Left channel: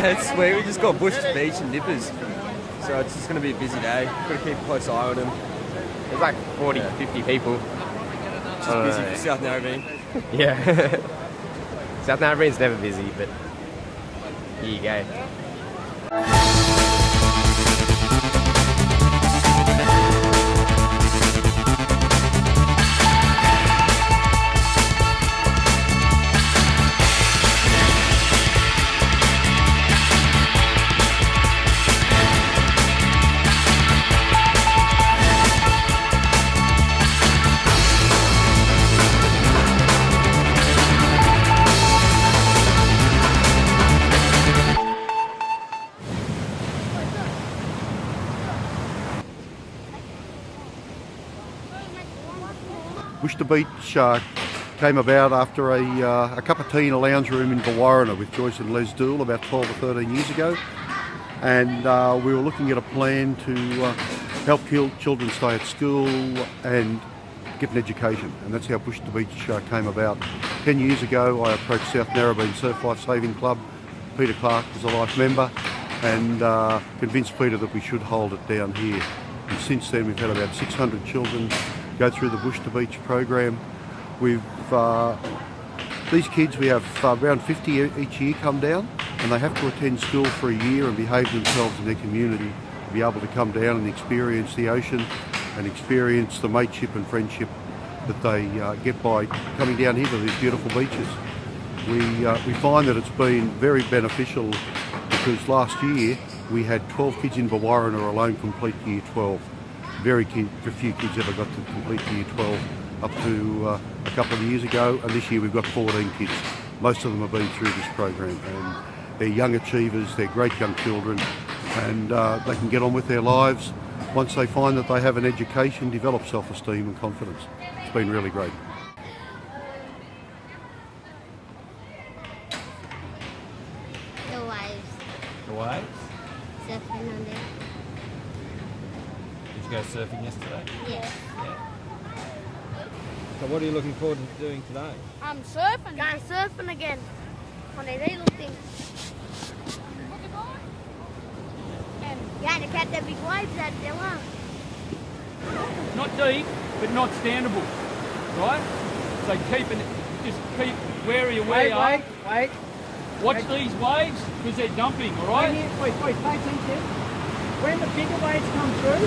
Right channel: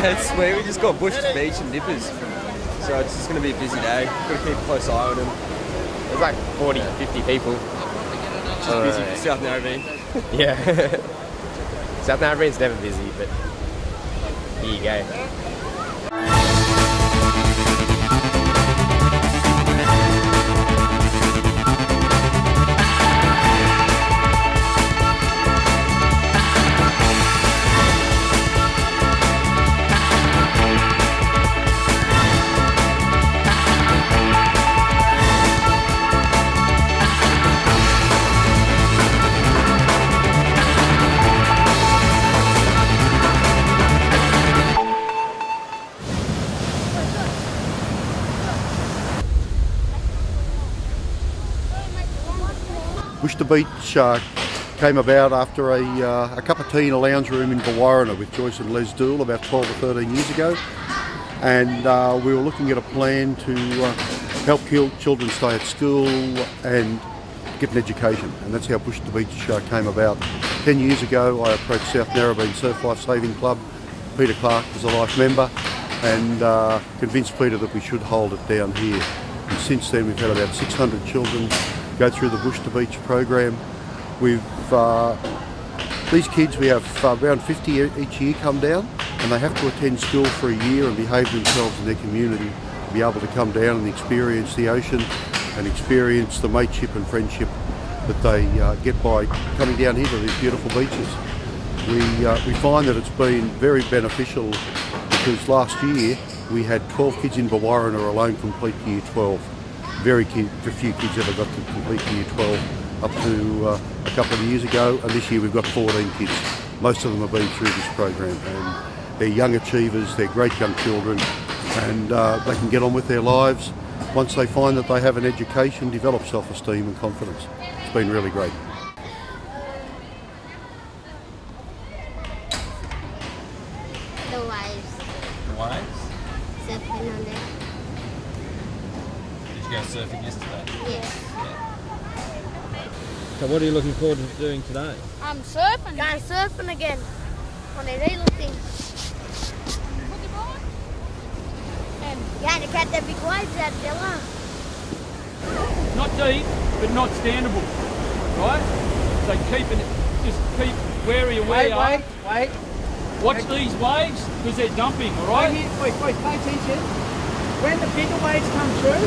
It's sweet, we just got bush to beach and dippers. So it's just going to be a busy day. Got to keep a close eye on them. There's like 40, 50 people. Just busy for South Narrabeen. Yeah. South Narrabeen's never busy, but here you go. Bush to Beach came about after a cup of tea in a lounge room in Brewarrina with Joyce and Les Dool about 12 or 13 years ago, and we were looking at a plan to help children stay at school and get an education, and that's how Bush to Beach came about. 10 years ago I approached South Narrabeen Surf Lifesaving Club. Peter Clark was a life member, and convinced Peter that we should hold it down here. And since then we've had about 600 children go through the Bush to Beach program. We've these kids, we have around 50 each year come down, and they have to attend school for a year and behave themselves in their community to be able to come down and experience the ocean and experience the mateship and friendship that they get by coming down here to these beautiful beaches. We find that it's been very beneficial because last year we had 12 kids in Brewarrina alone complete year 12. Very few kids ever got to complete year 12 up to a couple of years ago, and this year we've got 14 kids. Most of them have been through this program, and they're young achievers, they're great young children, and they can get on with their lives once they find that they have an education, develop self-esteem and confidence. It's been really great. The waves. The waves? Surfing on there. Did you go surfing yesterday? Yeah. So what are you looking forward to doing today? I'm surfing. Going surfing again. On a real thing. And going to catch the big waves out there. Not deep, but not standable, right? So just keep wary of where you are. Wait. Watch these waves, because they're dumping, all right? Wait, pay attention. When the bigger waves come through,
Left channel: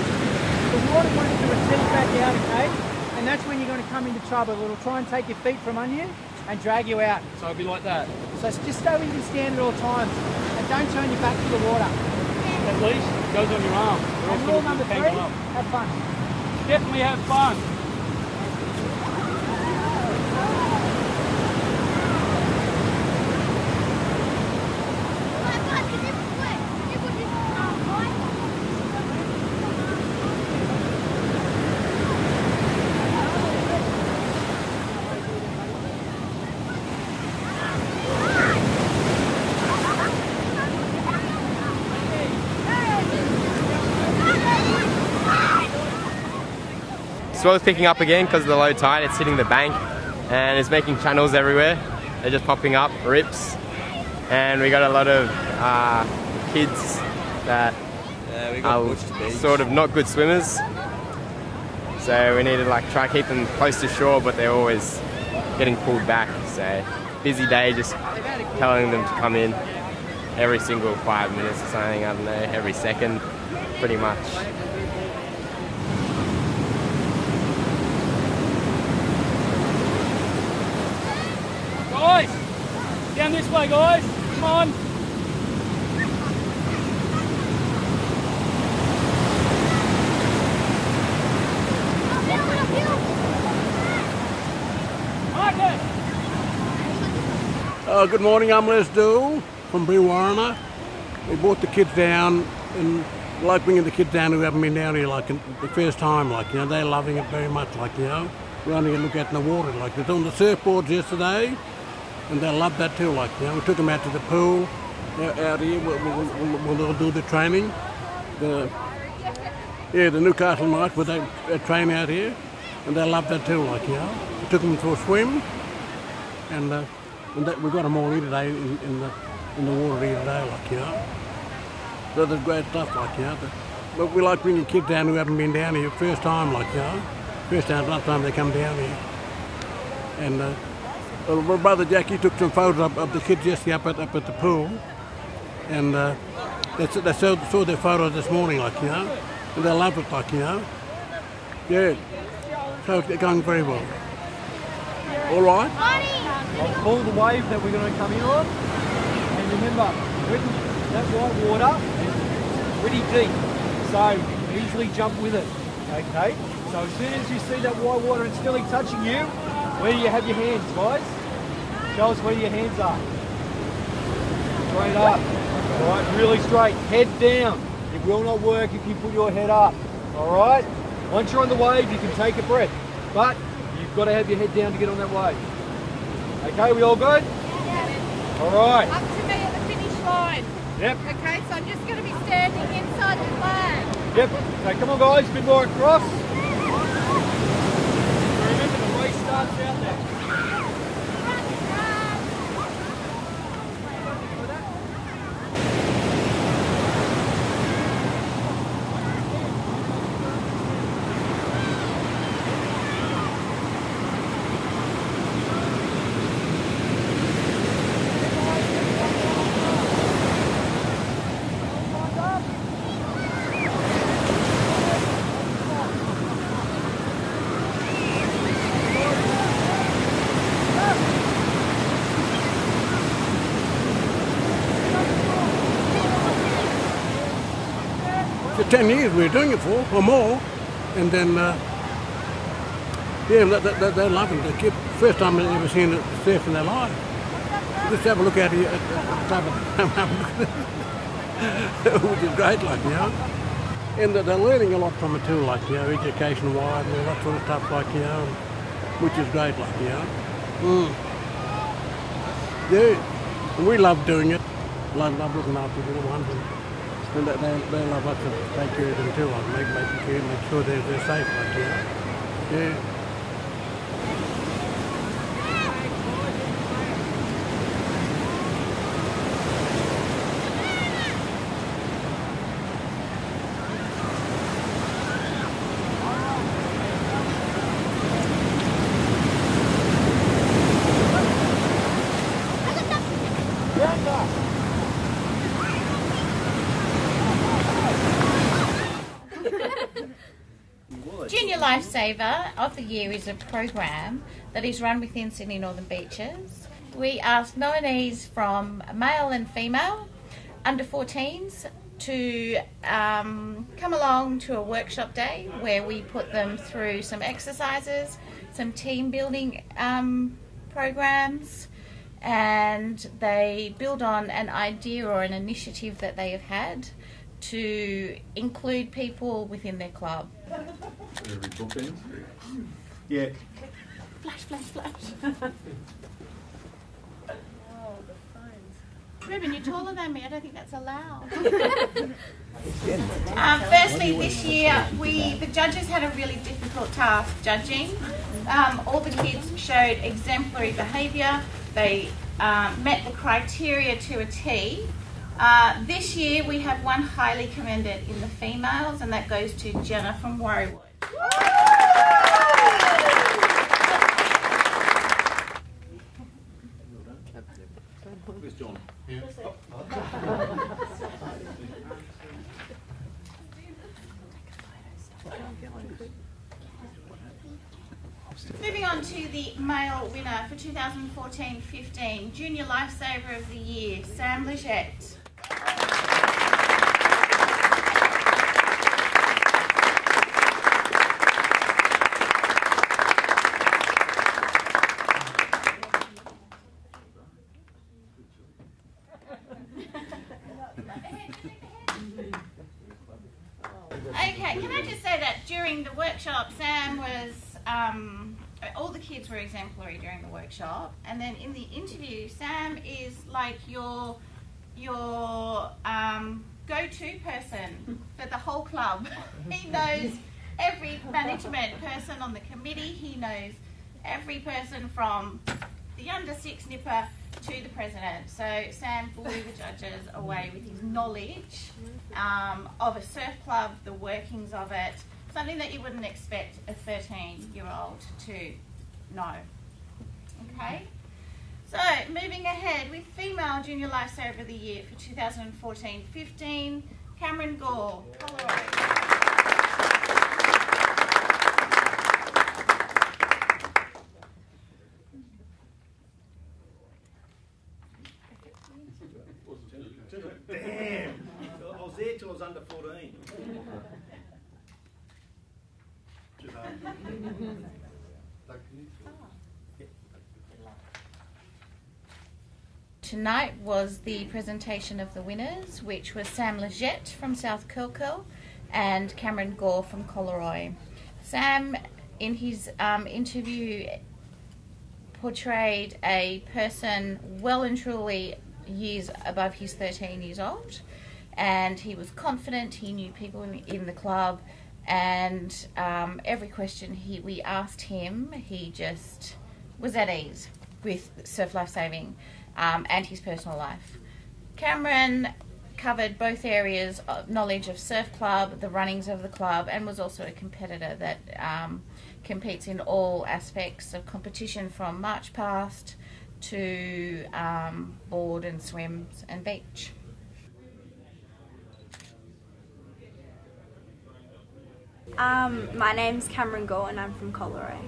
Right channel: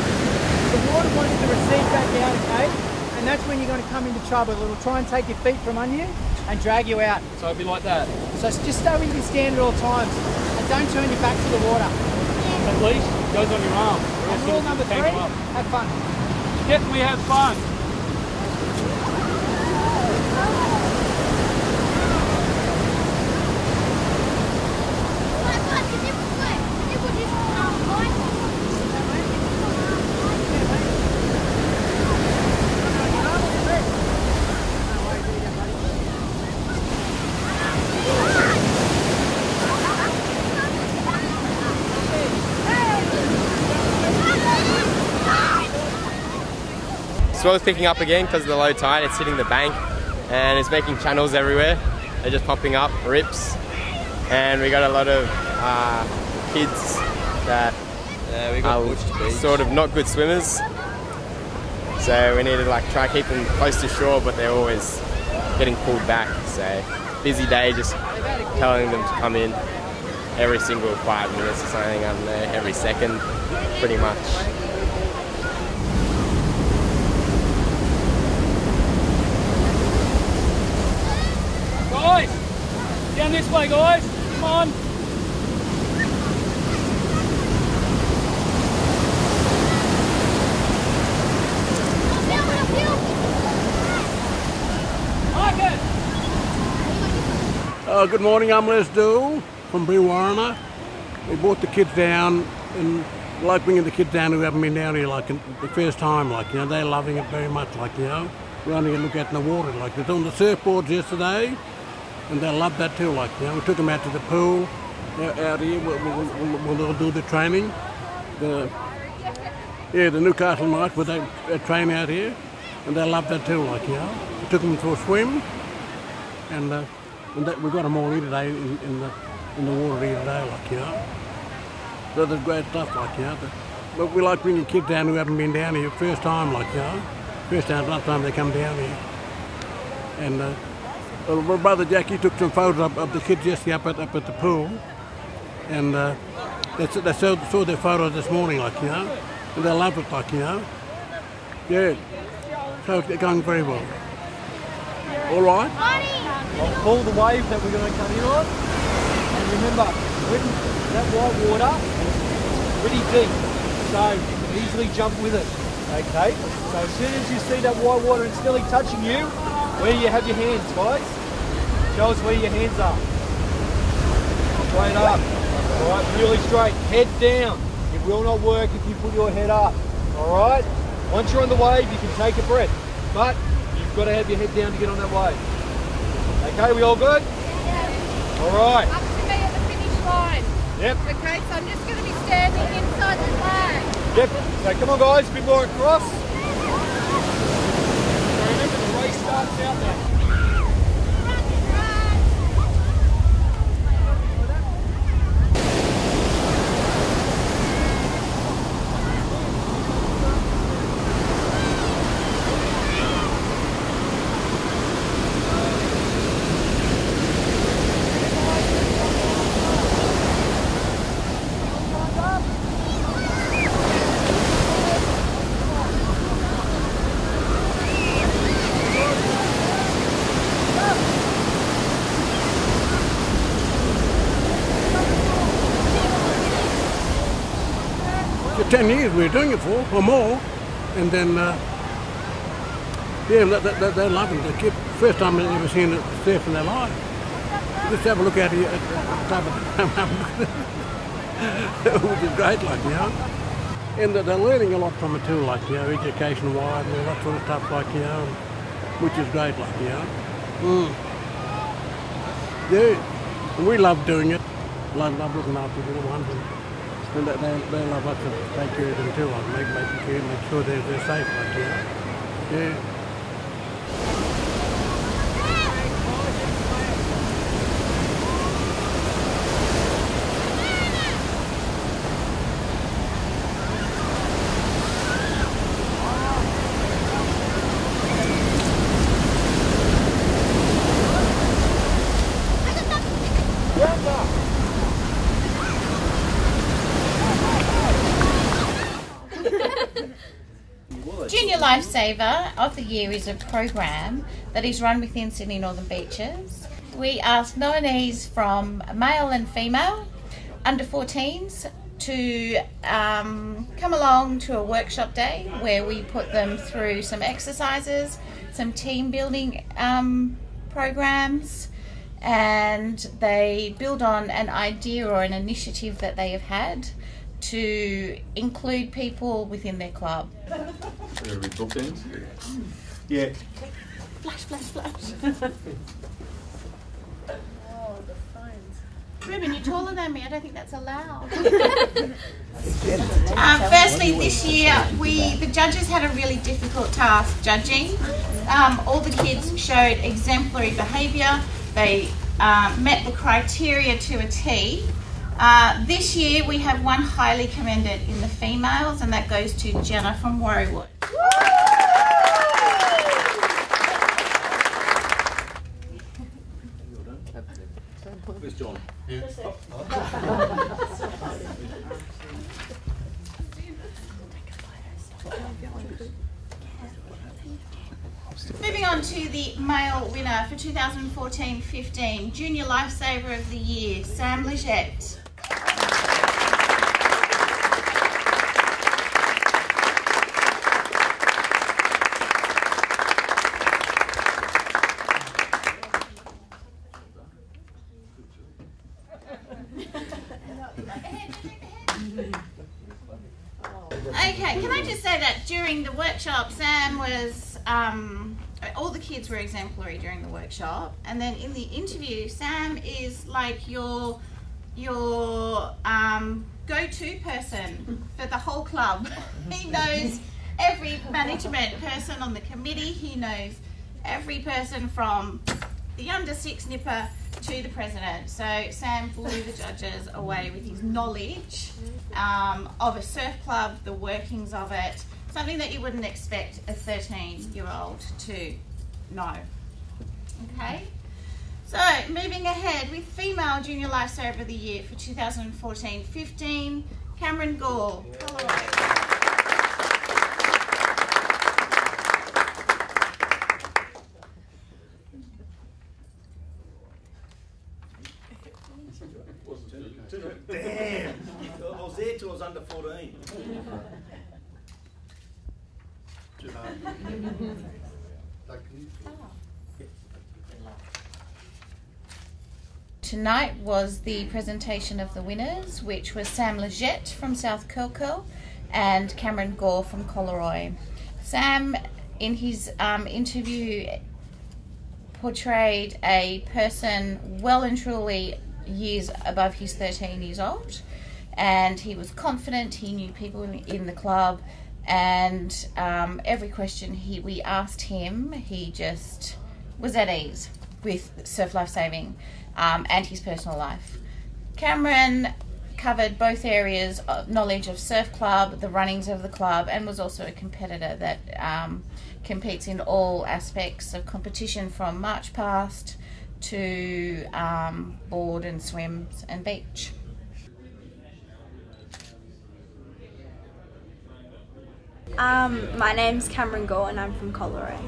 the water wants to recede back out, okay? And that's when you're going to come into trouble. It'll try and take your feet from under you and drag you out. So it'll be like that. So just stay where you can stand at all times and don't turn your back to the water. At least it goes on your arm. And rule number 3, have fun. Definitely have fun. Swell's picking up again because of the low tide. It's hitting the bank and it's making channels everywhere. They're just popping up, rips, and we got a lot of kids that are sort of not good swimmers. So we need to like try to keep them close to shore, but they're always getting pulled back. So busy day, just telling them to come in every single 5 minutes or something. I don't know, every second, pretty much. Guys, down this way, guys. Come on. Good morning, I'm Les Dool from Brewarrina. We brought the kids down, and like bringing the kids down who haven't been down here like the first time, like, you know, they're loving it very much, like, you know, running and looking at in the water, like they're on the surfboards yesterday, and they love that too. Like, you know, we took them out to the pool out here. We'll do the training. The Newcastle Knights, where they train out here, and they love that too. Like, you know, we took them for a swim, and we got them all here today in the water here today. Like, you know, so there's great stuff. Like, you know, but we like bringing kids down who haven't been down here first time. Like, you know, last time they come down here. And my brother Jackie took some photos of the kids yesterday up at the pool, and they saw their photos this morning, like, you know, and they love it, like, you know. Yeah, so it's going very well. All right. I'll pull the wave that we're going to come in on, and remember, when that white water is pretty deep, so you can easily jump with it. Okay, so as soon as you see that white water and still touching you, where do you have your hands, guys? Show us where your hands are. Straight up. Alright, really straight. Head down. It will not work if you put your head up. Alright? Once you're on the wave, you can take a breath. But you've got to have your head down to get on that wave. Okay, we all good? Alright. Up to me at the finish line. Yep. Okay, so I'm just going to be standing inside the flag. Yep. So come on guys, a bit more across. Remember the race starts out there. For 10 years we were doing it for, or more, and then, yeah, they're loving it. The kid, first time they've ever seen it surf in their life. Just have a look out here at the top of the which is great, like, you know. And they're learning a lot from it too, like, you know, education-wise and all that sort of stuff, like, you know, which is great, like, you know. Yeah, and we love doing it. Love looking after the little ones. And they love us to take care of them too, like make sure they're safe, like, you know. Yeah. Junior Lifesaver of the Year is a program that is run within Sydney Northern Beaches. We ask nominees from male and female, under 14s, to come along to a workshop day where we put them through some exercises, some team building programs, and they build on an idea or an initiative that they have had to include people within their club. Yeah. Flash, flash, flash. Oh, the phones. Ruben, you're taller than me. I don't think that's allowed. Firstly, this year, the judges had a really difficult task judging. All the kids showed exemplary behaviour. They met the criteria to a T. This year we have one highly commended in the females, and that goes to Jenna from Warriewood. Where's John? Moving on to the male winner for 2014-15, Junior Lifesaver of the Year, Sam Legette. Okay, can I just say that during the workshop, Sam was all the kids were exemplary during the workshop, and then in the interview, Sam is like your go-to person for the whole club. He knows every management person on the committee. He knows every person from the under 6 nipper to the president. So Sam blew the judges away with his knowledge of a surf club, the workings of it, something that you wouldn't expect a 13-year-old to know. Okay? So, moving ahead with Female Junior Lifesaver of the Year for 2014-15, Cameron Gore, Collaroy. Damn! I was there till I was under 14. Tonight was the presentation of the winners, which was Sam Legette from South Curl and Cameron Gore from Collaroy. Sam, in his interview, portrayed a person well and truly years above his 13 years old, and he was confident, he knew people in the club, and every question we asked him, he just was at ease with surf lifesaving and his personal life. Cameron covered both areas of knowledge of surf club, the runnings of the club, and was also a competitor that competes in all aspects of competition, from march past to board and swims and beach. My name's Cameron Gore and I'm from Collaroy.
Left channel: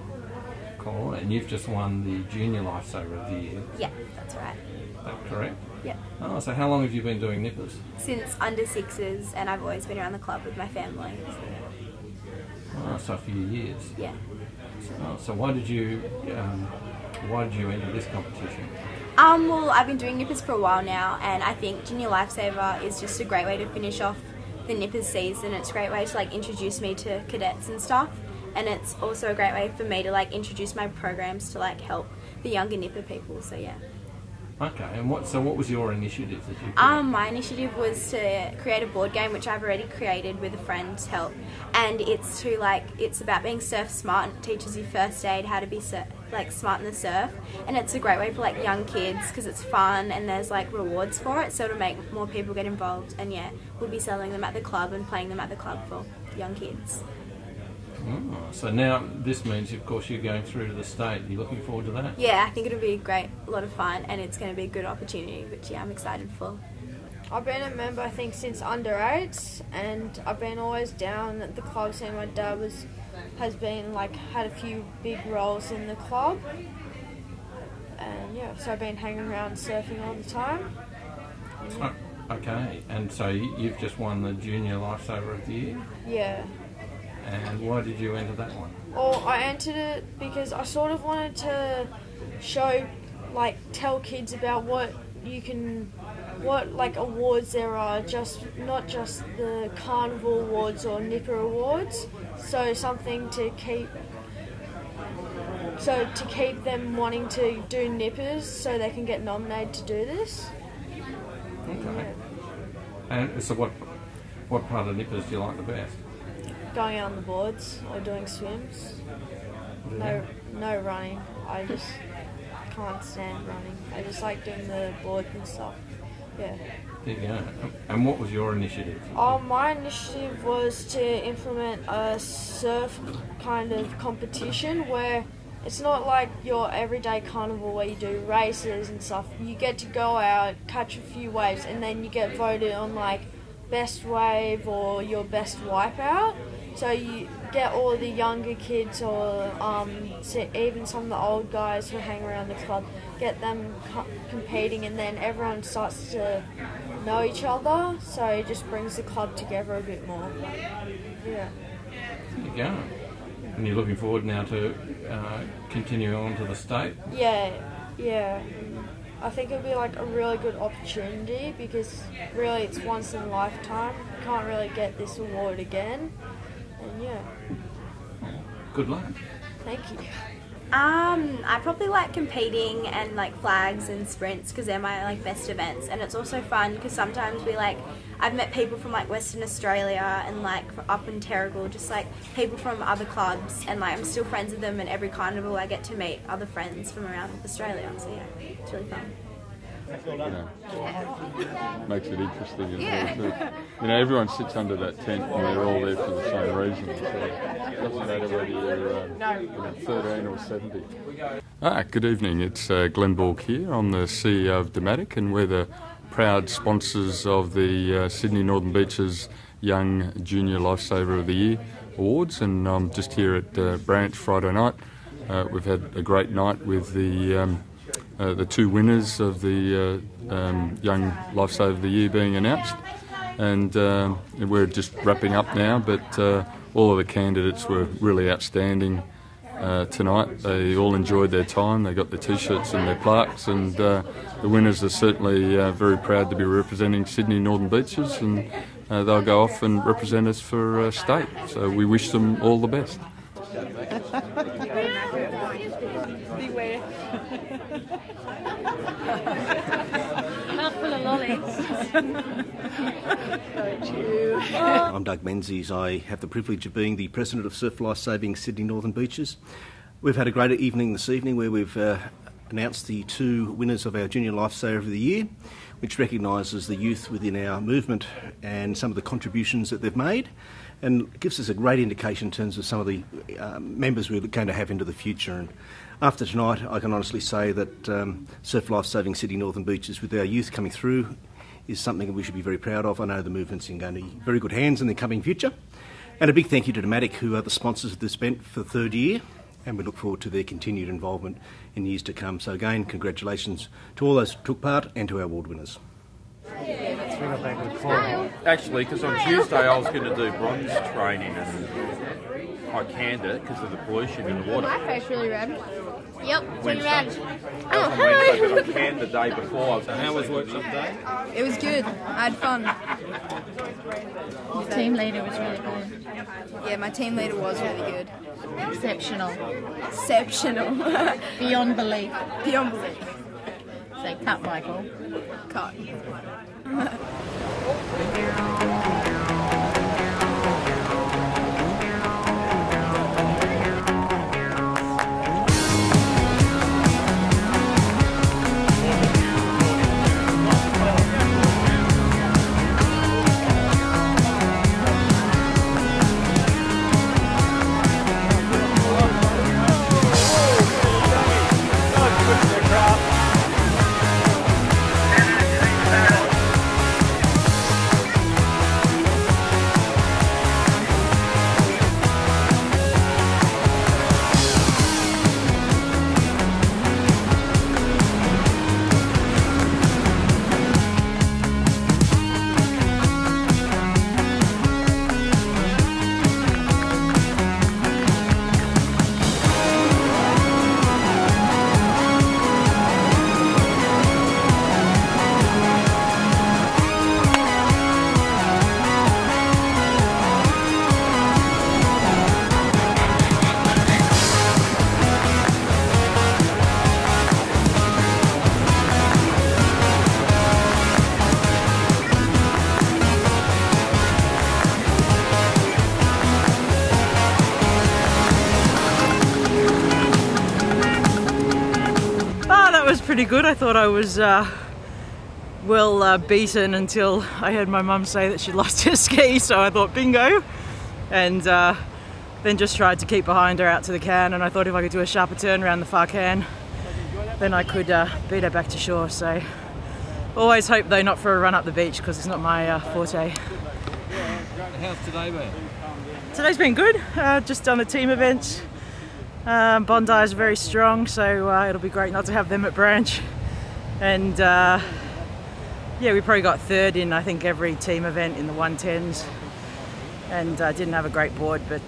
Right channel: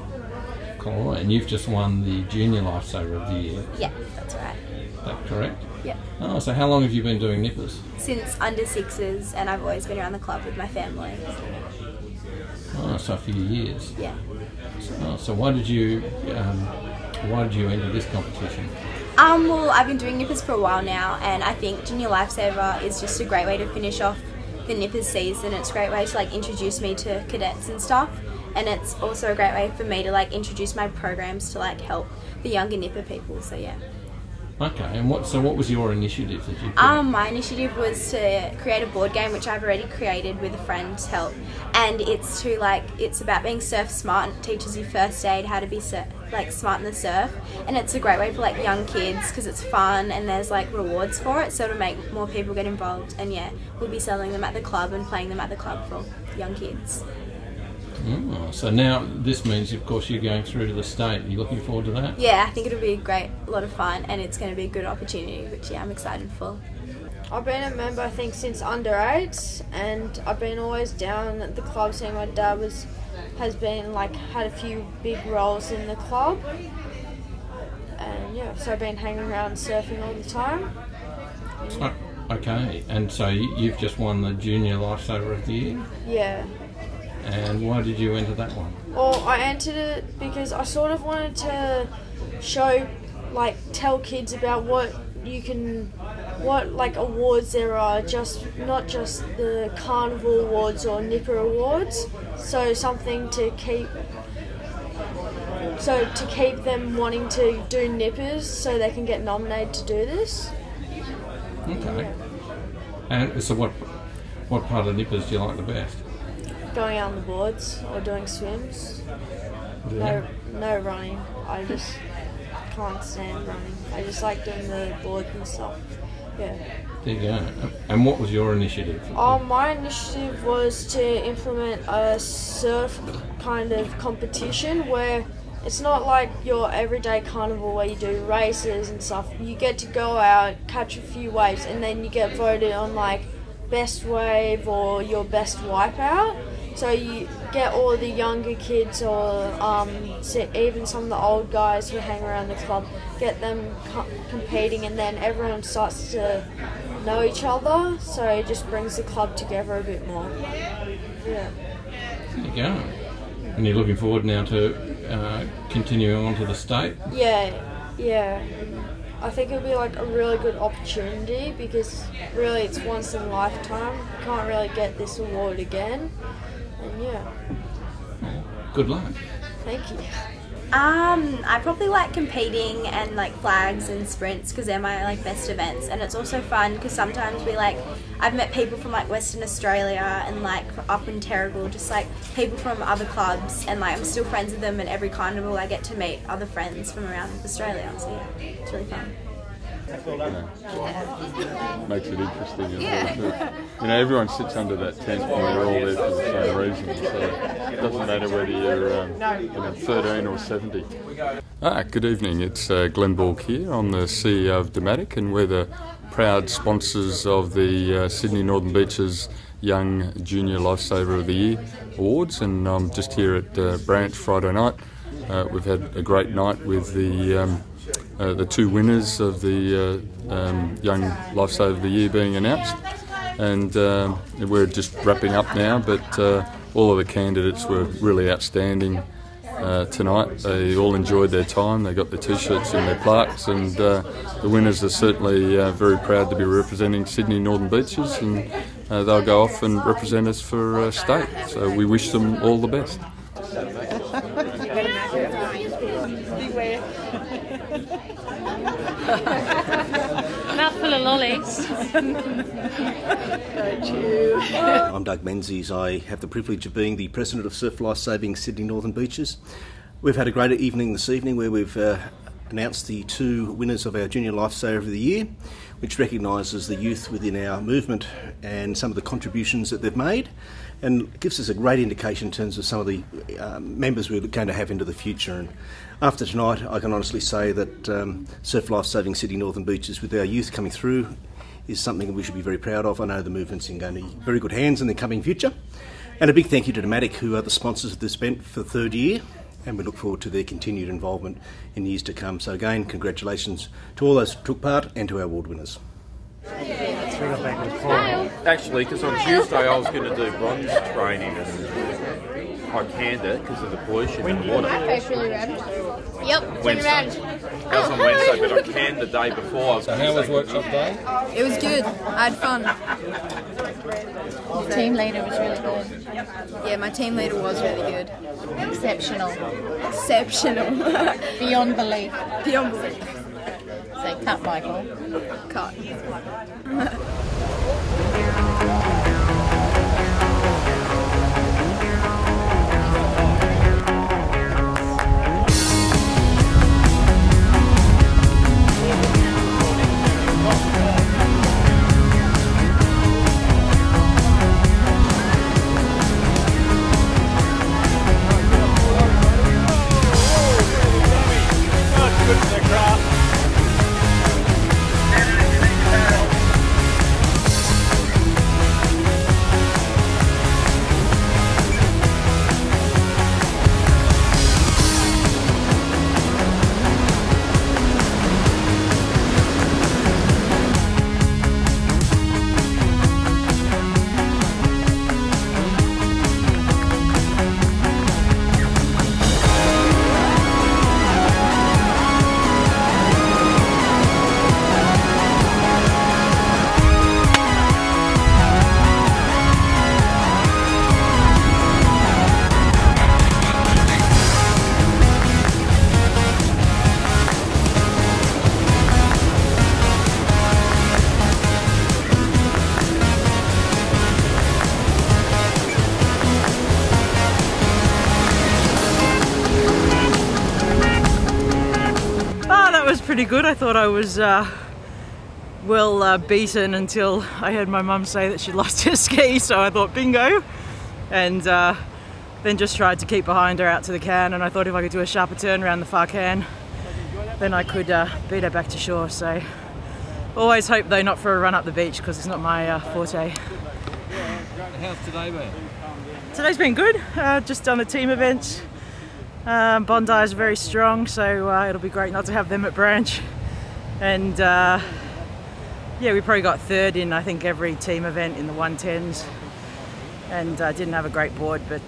Collaroy, and you've just won the Junior Lifesaver of the Year. Yeah, that's right. Is that correct? Yeah. Oh, so how long have you been doing nippers? Since under 6s, and I've always been around the club with my family. Oh, so a few years. Yeah. So why did you enter this competition? Well, I've been doing nippers for a while now, and I think Junior Lifesaver is just a great way to finish off the nippers season. It's a great way to introduce me to cadets and stuff, and it's also a great way for me to introduce my programs to help the younger nipper people. So yeah. Okay, and what was your initiative that you put? My initiative was to create a board game, which I've already created with a friend's help, and it's to it's about being surf smart, and it teaches you first aid, how to be smart in the surf, and it's a great way for young kids because it's fun and there's rewards for it, so to make more people get involved. And yeah, we'll be selling them at the club and playing them at the club for young kids. Oh, so now this means, of course, you're going through to the state. Are you looking forward to that? Yeah, I think it'll be a lot of fun, and it's going to be a good opportunity, which yeah, I'm excited for. I've been a member, I think, since under 8s, and I've been always down at the club, seeing my dad has been had a few big roles in the club, and yeah, so I've been hanging around surfing all the time. Yeah. Okay, and so you've just won the Junior Lifesaver of the Year? Yeah. And why did you enter that one? Well, I entered it because I sort of wanted to show, tell kids about what awards there are, not just the carnival awards or nipper awards. So something to keep them wanting to do nippers, so they can get nominated to do this. Okay. And so what part of nippers do you like the best? Going out on the boards or doing swims. Yeah. No running. I just can't stand running. I just like doing the boards and stuff. Yeah. There you go. And what was your initiative? My initiative was to implement a surf kind of competition where it's not like your everyday carnival where you do races and stuff. You get to go out, catch a few waves, and then you get voted on best wave or your best wipeout. So you get all the younger kids or even some of the old guys who hang around the club, get them competing, and then everyone starts to know each other, so it just brings the club together a bit more. Yeah. There you go. And you're looking forward now to continuing on to the state? Yeah. I think it'll be a really good opportunity because really it's once in a lifetime. You can't really get this award again. And yeah. Good luck. Thank you. I probably like competing and like flags and sprints because they're my like best events, and it's also fun because sometimes I've met people from like Western Australia and like up in Terrigal, just like people from other clubs, and like I'm still friends with them, and every carnival I get to meet other friends from around Australia, so yeah, it's really fun. Makes it interesting as well too. You know, everyone sits under that tent and we're all there for the same reason, so it doesn't matter whether you're 13 or 70. Good evening, it's Glenn Bork here. I'm the CEO of Dematic, and we're the proud sponsors of the Sydney Northern Beaches Young Junior Lifesaver of the Year Awards, and I'm just here at Branch Friday night. We've had a great night with the two winners of the Young Lifesaver of the Year being announced, and we're just wrapping up now, but all of the candidates were really outstanding tonight. They all enjoyed their time, they got their t-shirts and their plaques, and the winners are certainly very proud to be representing Sydney Northern Beaches, and they'll go off and represent us for state, so we wish them all the best. Mouthful of lollies. I'm Doug Menzies. I have the privilege of being the President of Surf Lifesaving Sydney Northern Beaches. We've had a great evening this evening where we've announced the two winners of our Junior Lifesaver of the Year, which recognises the youth within our movement and some of the contributions that they've made, and gives us a great indication in terms of some of the members we're going to have into the future. And after tonight, I can honestly say that Surf Lifesaving Sydney Northern Beaches, with our youth coming through, is something we should be very proud of. I know the movement's in going to be very good hands in the coming future. And a big thank you to Dematic, who are the sponsors of this event for the third year, and we look forward to their continued involvement in years to come. So again, congratulations to all those who took part and to our award winners. Actually, because on Tuesday I was going to do bronze training and I canned it because of the pollution in the water. Yep. Wednesday. That was on Wednesday, but I canned the day before. So how was workshop day? It was good. I had fun. Your team leader was really good. Yeah, my team leader was really good. Exceptional. Exceptional. Beyond belief. Beyond belief. So cut, Michael. Cut. Pretty good. I thought I was well beaten until I heard my mum say that she lost her ski, so I thought bingo, and then just tried to keep behind her out to the can, and I thought if I could do a sharper turn around the far can then I could beat her back to shore. So always hope though not for a run up the beach because it's not my forte. How's today been? Today's been good. Just done the team events. Bondi is very strong, so it'll be great not to have them at Branch. And yeah, we probably got third in I think every team event in the 110s, and didn't have a great board, but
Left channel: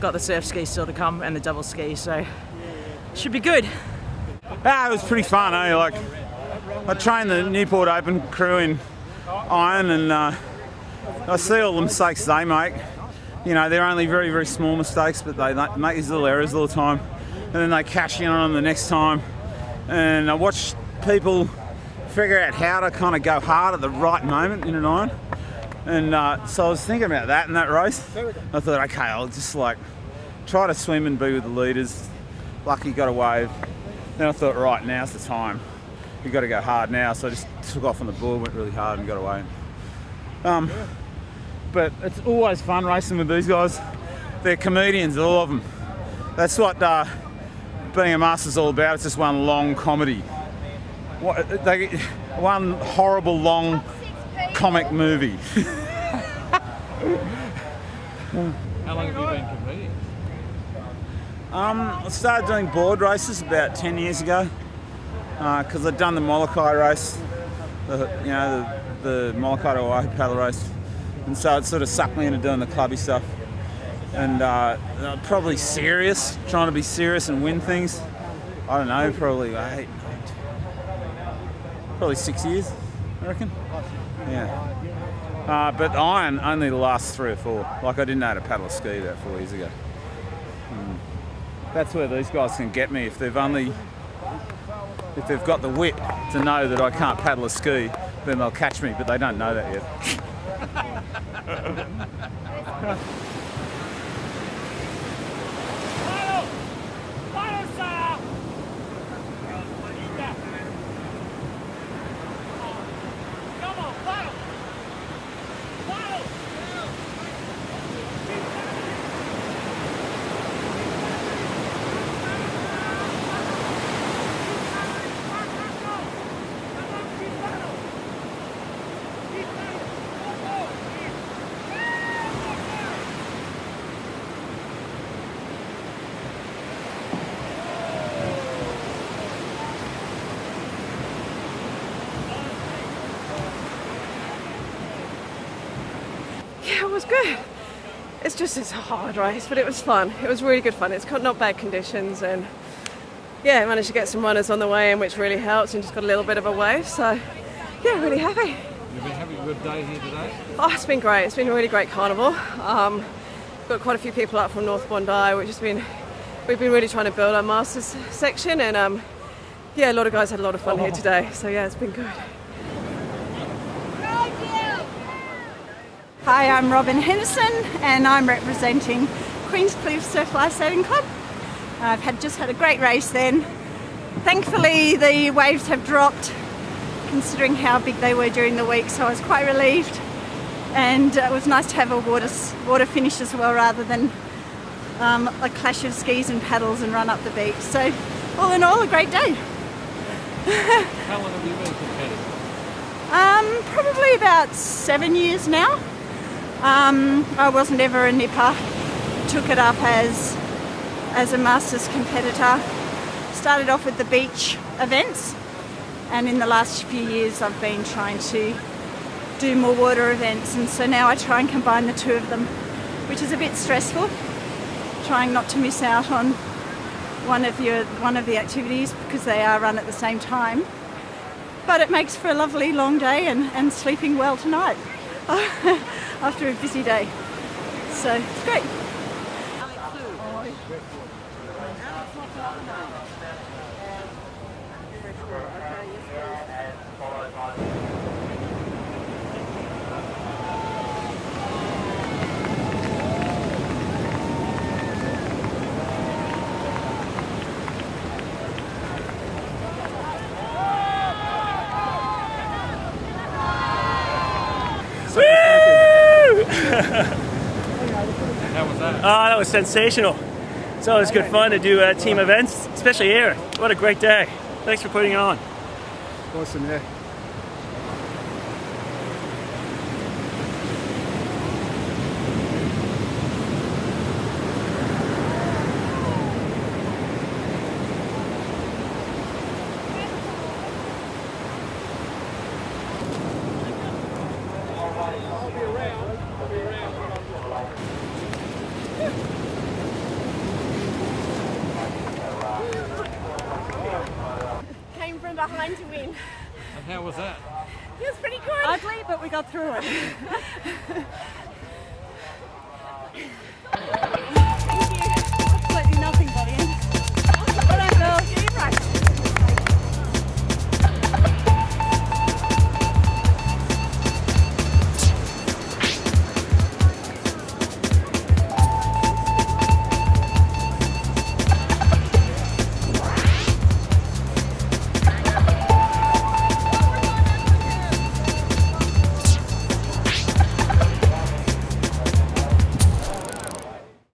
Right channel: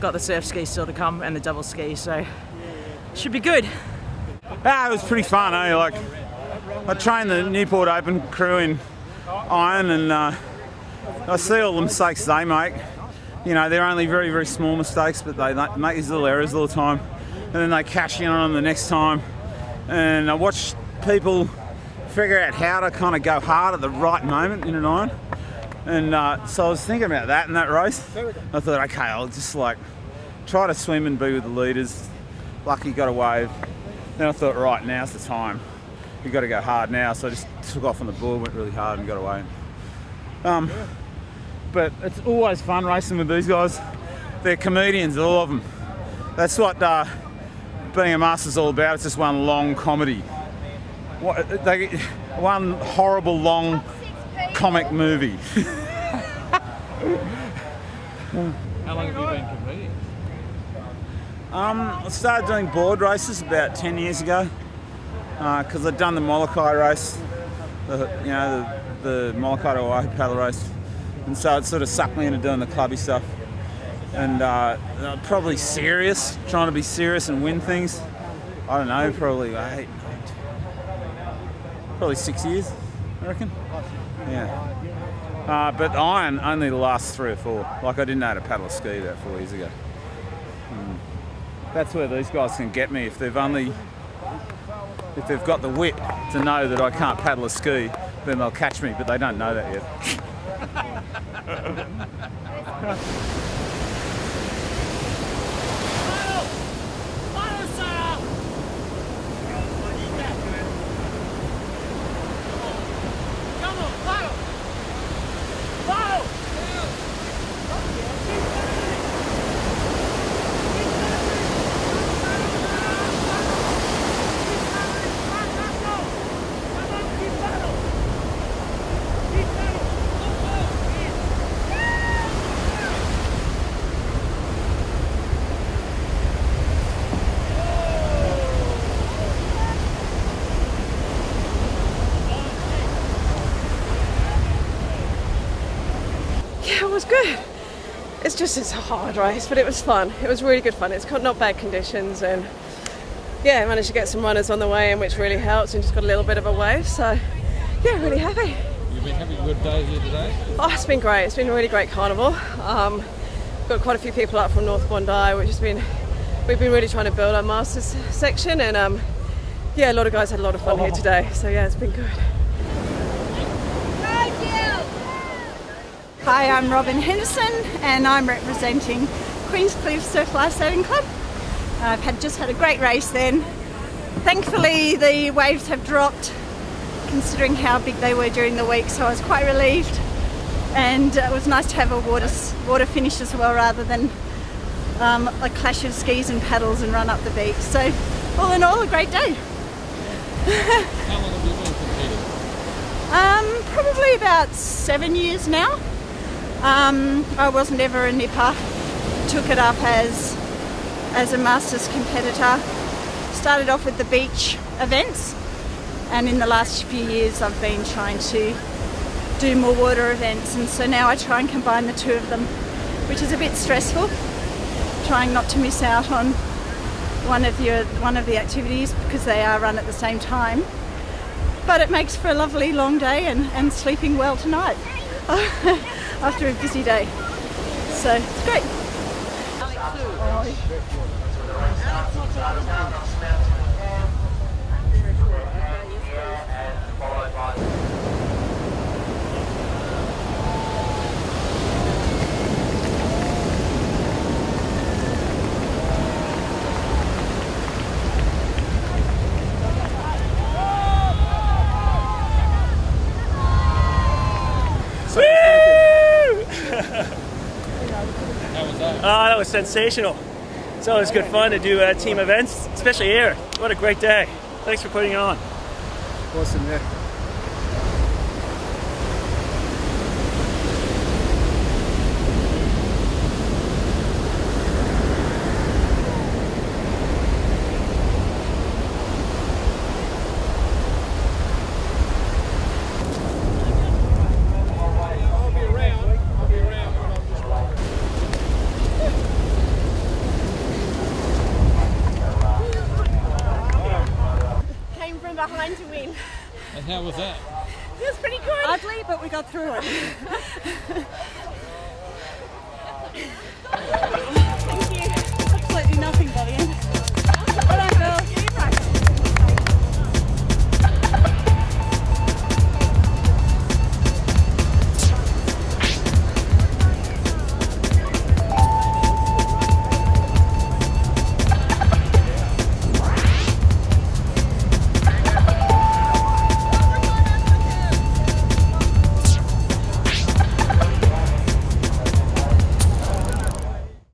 got the surf ski still to come and the double ski, so should be good. It was pretty fun, eh? Like, I trained the Newport Open crew in iron, and I see all the mistakes they make. You know, they're only very, very small mistakes, but they make these little errors all the time. and then they cash in on them the next time. And I watch people figure out how to kind of go hard at the right moment in an iron. And so I was thinking about that in that race. I thought, okay, I'll just like try to swim and be with the leaders. Lucky got a wave. Then I thought, right, now's the time. You've got to go hard now. So I just took off on the board, went really hard and got away. But it's always fun racing with these guys. They're comedians, all of them. That's what being a master's all about. It's just one long comedy. One horrible long comic movie. How long have you been competing? I started doing board races about 10 years ago because I'd done the Molokai race, the Molokai to Oahu paddle race, and so it sort of sucked me into doing the clubby stuff. And probably serious, trying to be serious and win things. I don't know, probably 6 years, I reckon. Yeah. But iron only the last 3 or 4. Like I didn't know how to paddle a ski about 4 years ago. That's where these guys can get me if they've got the wit to know that I can't paddle a ski, then they'll catch me, but they don't know that yet. Yeah, it was good. It's a hard race, but it was fun. It was really good fun. It's not bad conditions, and yeah, I managed to get some runners on the way in, which really helped, and just got a little bit of a wave, so yeah, really happy. You've been having a good day here today? Oh, it's been great. It's been a really great carnival. Got quite a few people up from North Bondi, which we've been really trying to build our Masters section, and yeah, a lot of guys had a lot of fun here today, so yeah, it's been good. Hi, I'm Robin Henderson and I'm representing Queen's Cliff Surf Lifesaving Club. I've just had a great race then. Thankfully the waves have dropped considering how big they were during the week, so I was quite relieved, and it was nice to have a water finish as well rather than a clash of skis and paddles and run up the beach. So all in all, a great day. How long have you been competing? Probably about 7 years now. I wasn't ever a nipper, took it up as a Masters competitor. Started off with the beach events, and in the last few years I've been trying to do more water events, and so now I try and combine the two of them, which is a bit stressful, trying not to miss out on one of the activities because they are run at the same time. But it makes for a lovely long day and sleeping well tonight after a busy day. So it's great. How was that? Oh, that was sensational. It's always good fun to do team events, especially here. What a great day. Thanks for putting it on. Listen here. Behind to win. And how was that? It was pretty good. Ugly, but we got through it.